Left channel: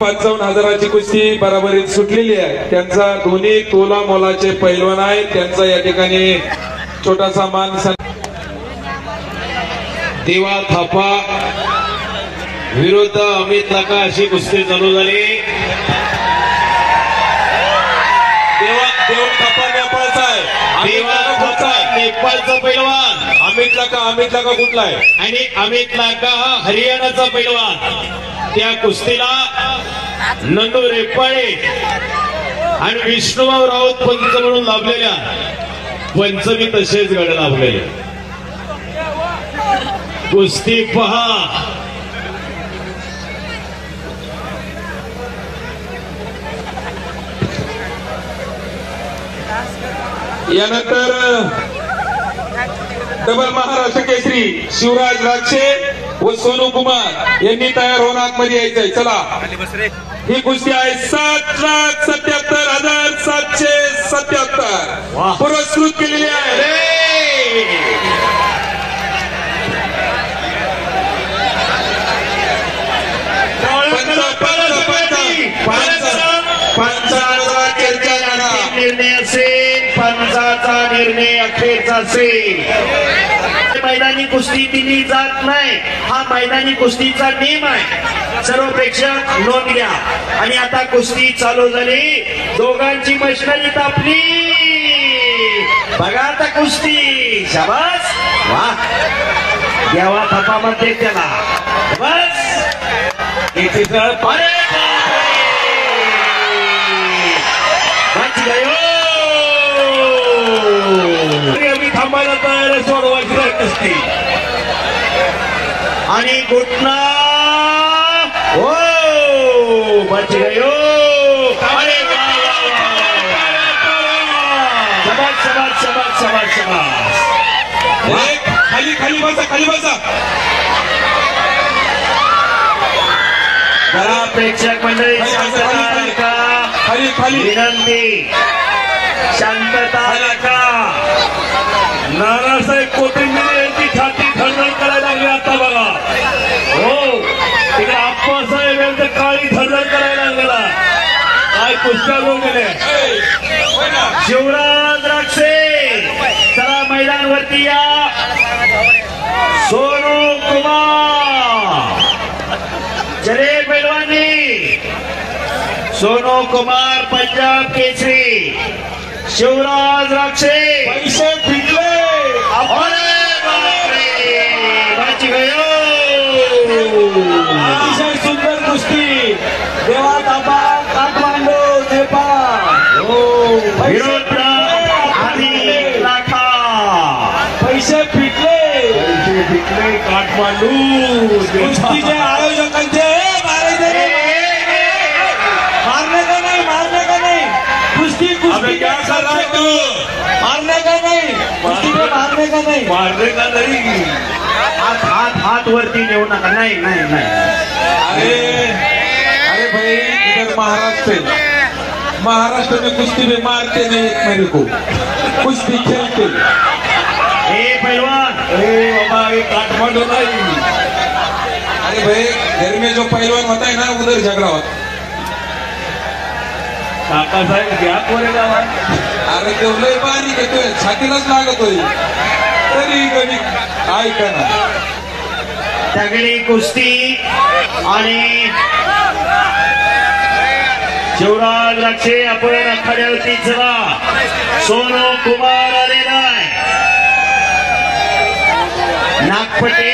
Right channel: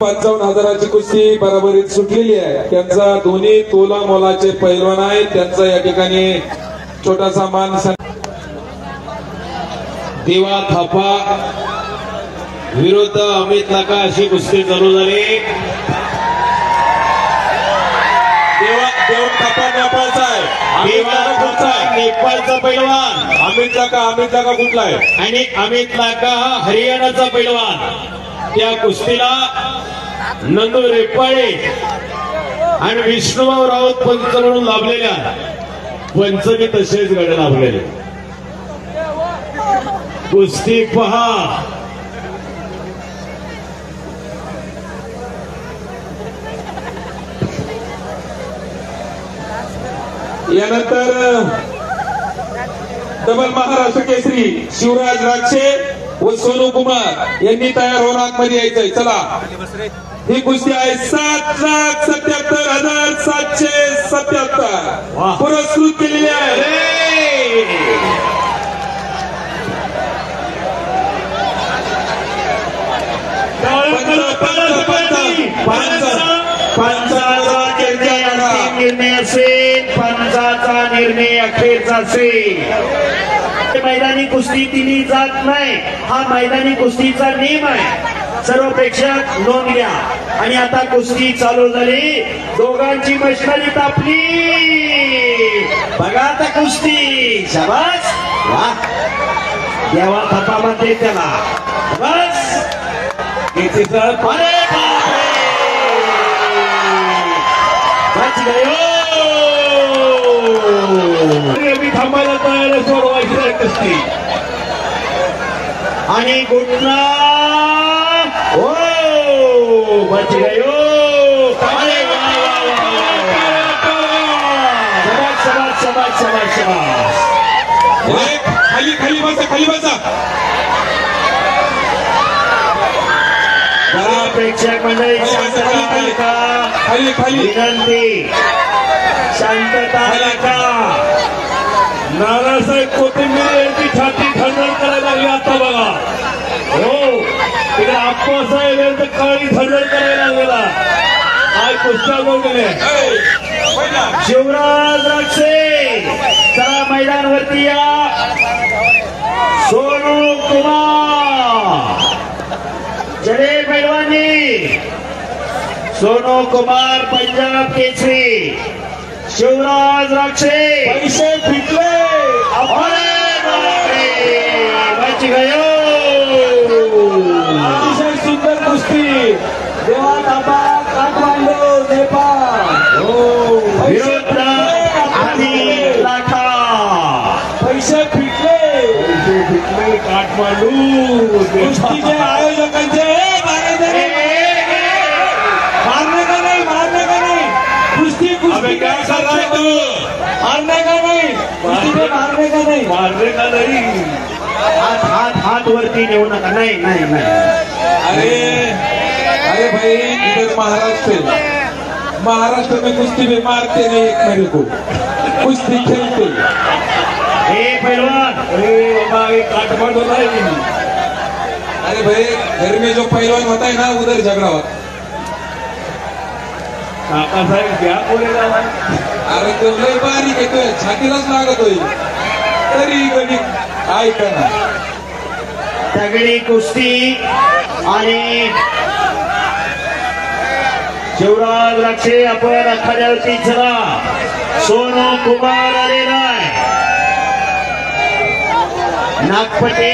55,000ची कुस्ती बराबरीत सुटलेली आहे। त्यांचा दोन्ही तोला मोलाचे पैलवान आहे। त्यांचा या ठिकाणी छोटासा मान देवा थापा विरुद्ध अमित लाका अशी कुस्ती चालू झाली। देव थापा नेपाळचा आहे। नेपाळचा पैलवान अमित लाका कुठला आहे? आणि अमित लाका हरियाणाचा पैलवान। त्या कुस्तीला नंदू रेपाळे आणि विष्णुभाऊ राऊत पंच म्हणून लाभलेल्या पंचमी तसेच गड लाभलेले। कुस्ती पहा। यानंतर डबल महाराष्ट्र केसरी शिवराज राक्षे व सोनू कुमार यांनी तयार होऊन आतमध्ये यायचंय। चला, ही कुस्ती आहे 7,77,777 पुरस्कृत केलेली आहे। निर्णय असेल, पंचाचा निर्णय अखेरचा असेल। मैदानी कुस्ती दिली जात नाही, हा मैदानी कुस्तीचा नियम आहे। सर्व प्रेक्षक नोंद घ्या। आणि आता कुस्ती चालू झाली, दोघांची मशाली तापली। बघा आता कुस्ती, शाबास, वा, देवा थापा म्हणते त्याला, बस थांबायला तयार सोडवायची कुस्ती आणि घुटना हो बच गयो। शबाश शबाश शबाश शबाश शबाश। खाली खाली बसा, खाली बसा। जरा प्रेक्षक मंडळी शांतता का, खाली खाली विनंती, शांतता का। नानासाहेब कोथिंबीर यांची छाती थरथर करायला लागली आता बघा। हो, तिकडे आप्पासाहेब यांचं काळी थरथर करायला लागलेला। काय कुस्त्या होऊन गेले। शिवराज राक्षे चला मैदानवरती या। सोनू कुमार चले पैलवानी, सोनू कुमार पंजाब केसरी, शिवराज राक्षे पैसे फिटले। अरे बापरे, बच गयो। अतिशय सुंदर कुस्ती, देवा थापा काठमांडू नेपाळ। हो, विरुद्ध अमित लाका, पैसे फिटले, पैसे फिटले काठमांडू। कुस्तीचे आयोजकांचे मारने का नहीं, मारने का नहीं, कुस्ती कुस्ती क्या कर रहा है तू? मारने का नहीं, कुस्ती में मारने का नहीं, मारने का नहीं। हाथ हाथ हाथ वरती नेऊ नका। नाही नाही नाही। अरे भाई, इधर महाराष्ट्र में कुश्ती में मारते नहीं मेरे को, कुश्ती खेलते। हे पहलवान, बाबा ये काठमांडू नहीं। अरे भाई, घर में जो पहलवान होता है ना, उधर झगड़ा होता। काका साहेब क्या बोलेगा? अरे तो लय बारीक येतोय, छातीलाच लागतोय तरी कधी काय करणार। तगडी कुस्ती आणि शिवराज राक्षे आपण आखाड्यावरती चला। सोनू कुमार आलेला आहे, नागपटे।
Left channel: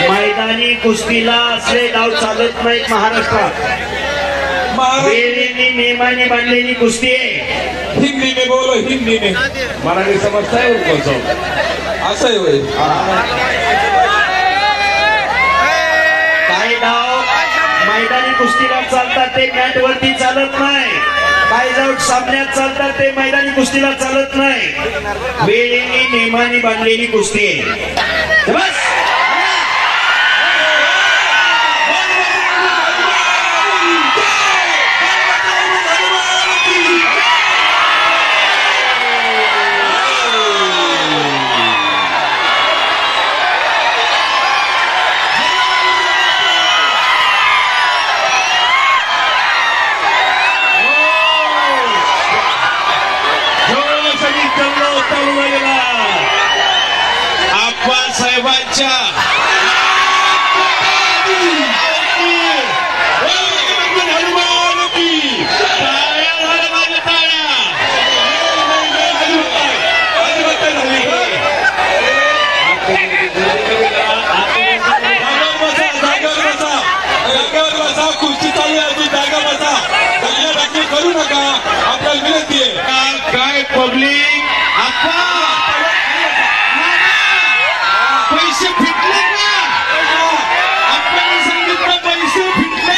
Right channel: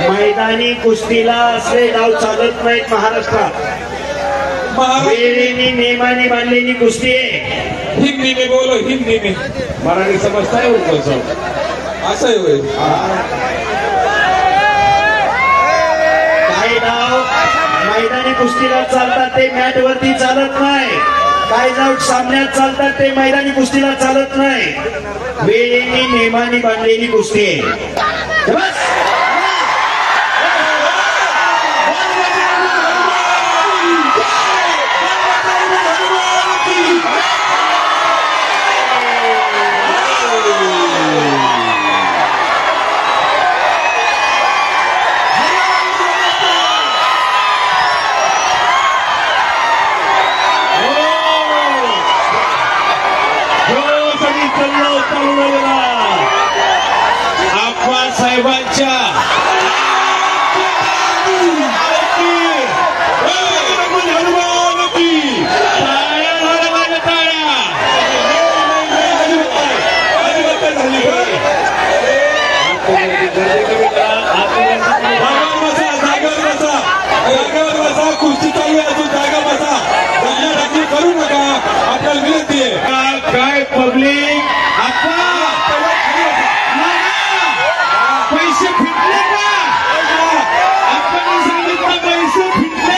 मैदानी कुस्तीला असे डाव चालत नाहीत महाराष्ट्रात। वेळेने नियमाने बांधलेली कुस्ती आहे। हिंदी में बोलो, हिंदी में। मराठी समजताय कसं? असं आहे काय डाव मैदानी कुस्तीला चालतात ते मॅट वरती चालत नाही। काय डाव सामन्यात चालतात ते मैदानी कुस्तीला चालत नाही। वेळेने नियमाने बांधलेली कुस्ती आहे। बस राक्षा कुस्ती चालू आहे जागा बसा दगडादगडी करू नका आपल्याला विनंती आहे काय पब्लिक पैसे फिटले का आपण सांगितलं पैसे फिटले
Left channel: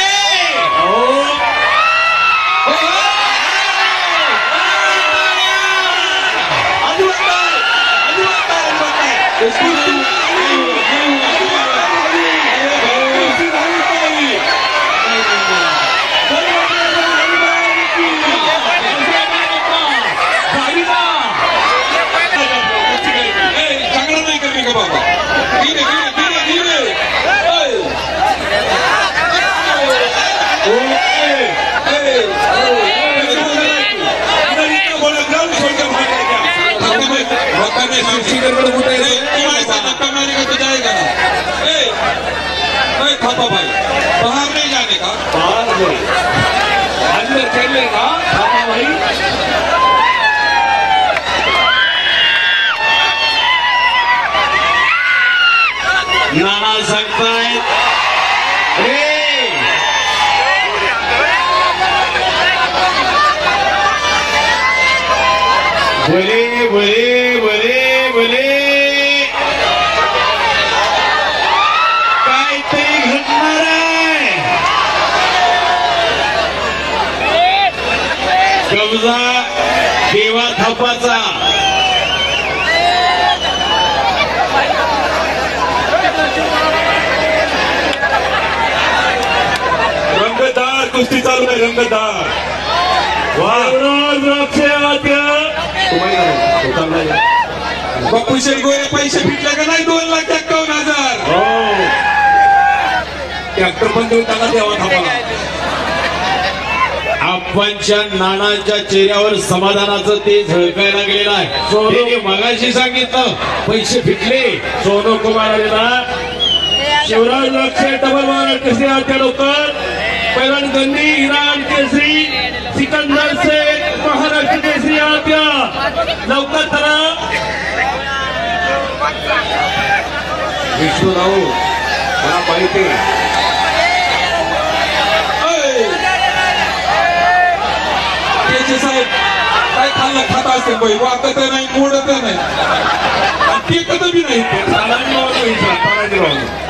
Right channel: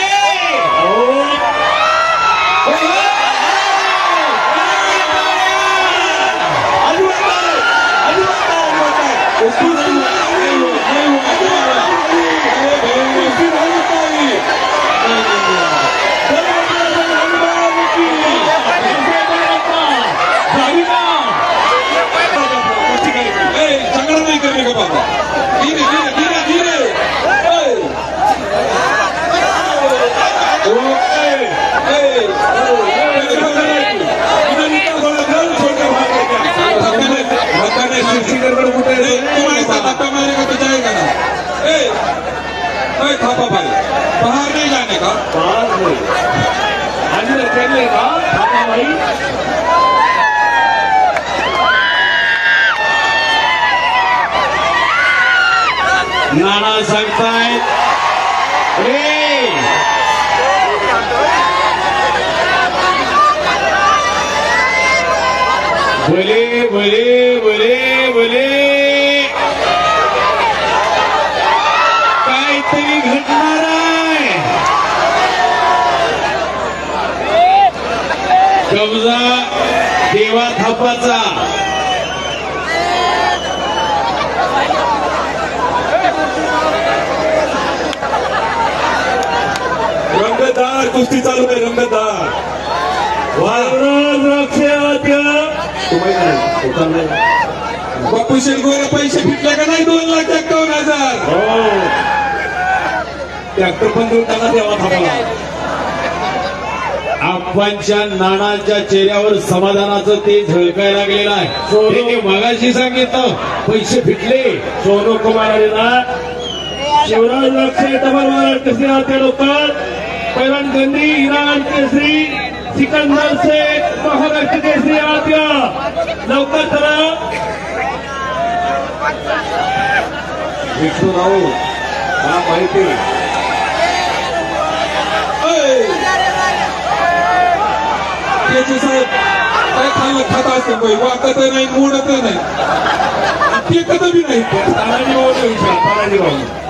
बाबा धीरे धीरे धीरे धक्का मारने का तो जाएगा ना थापा भाई बाहर नहीं जाने का अंदर चलेगा थापा भाई नाना सांगतायत बोले बोले बोले बोले काहीतरी घडणार आहे कब्जा देवा थापाचा रंगतदार कुस्ती चालू आहे रंगतदार बापू शेटगोरे पैसे फिटले का नाही 2,51,000 ट्रॅक्टर पण देऊन त्यांना द्यावा थांबा आप्पांच्या नानांच्या चेहऱ्यावर समाधानाचं ते झळकायला लागलेलं आहे त्यांनी मगाशी सांगितलं पैसे फिटले सोनू कुमार आलेला शिवराज राक्षे डबल वार केसरी आते लोक पैलवान गंदी इराण केसरी सिकंदर शेख महाराष्ट्र केसरी आत्या लवकर करा विष्णू राऊ मला माहिती त्याची साहेब काय खाल्लं खाता असते बाई वाटत नाही मोडत नाही ते कधी बी नाही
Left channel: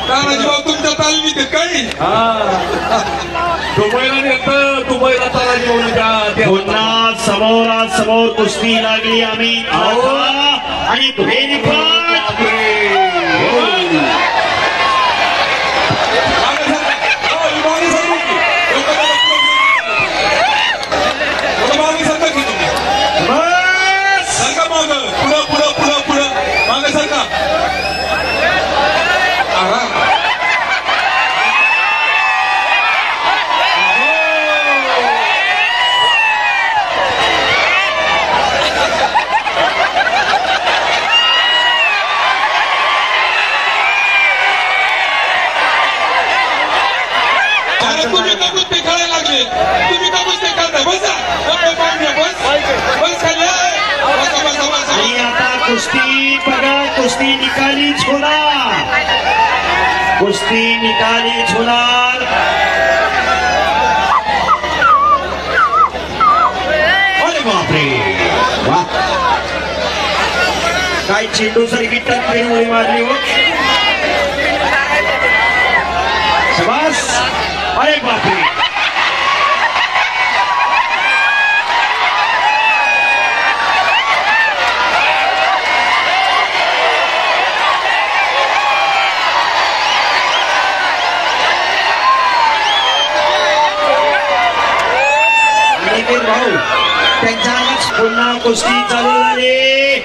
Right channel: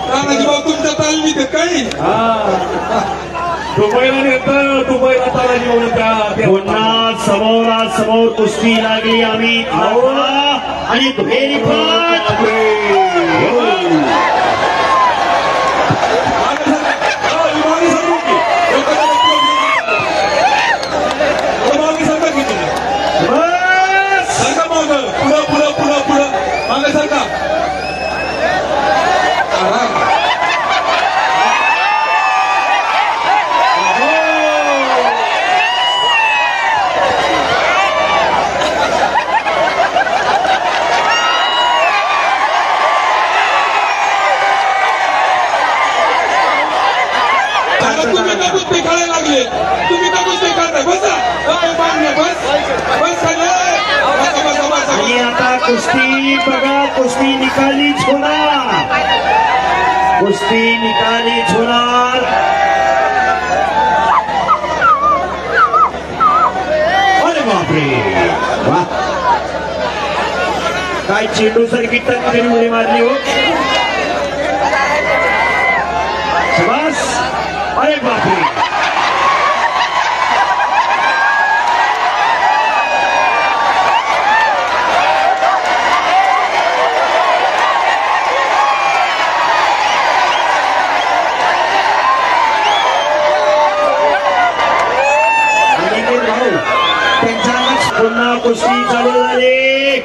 तानाजीभाऊ तुमच्या तालमीत आहे काही दुबईला नेतं दुबईला तानाजीभाऊ पुन्हा समोरासमोर कुस्ती लागली आम्ही आणि पुढं पुढं पुढं पुढं मागे सारखा तुम्ही का कुस्ती करायला लागले तुम्ही का कुस्ती करताय बसा बस आणि आता कुस्ती बघा कुस्ती निकालीच होणार कुस्ती निकालीच होणार अरे बापरे वा काय चेंडू सारखी टक्कर उडी मारली हो बस अरे बापरे भाऊ त्यांच्या पुन्हा कुस्ती चालू झाली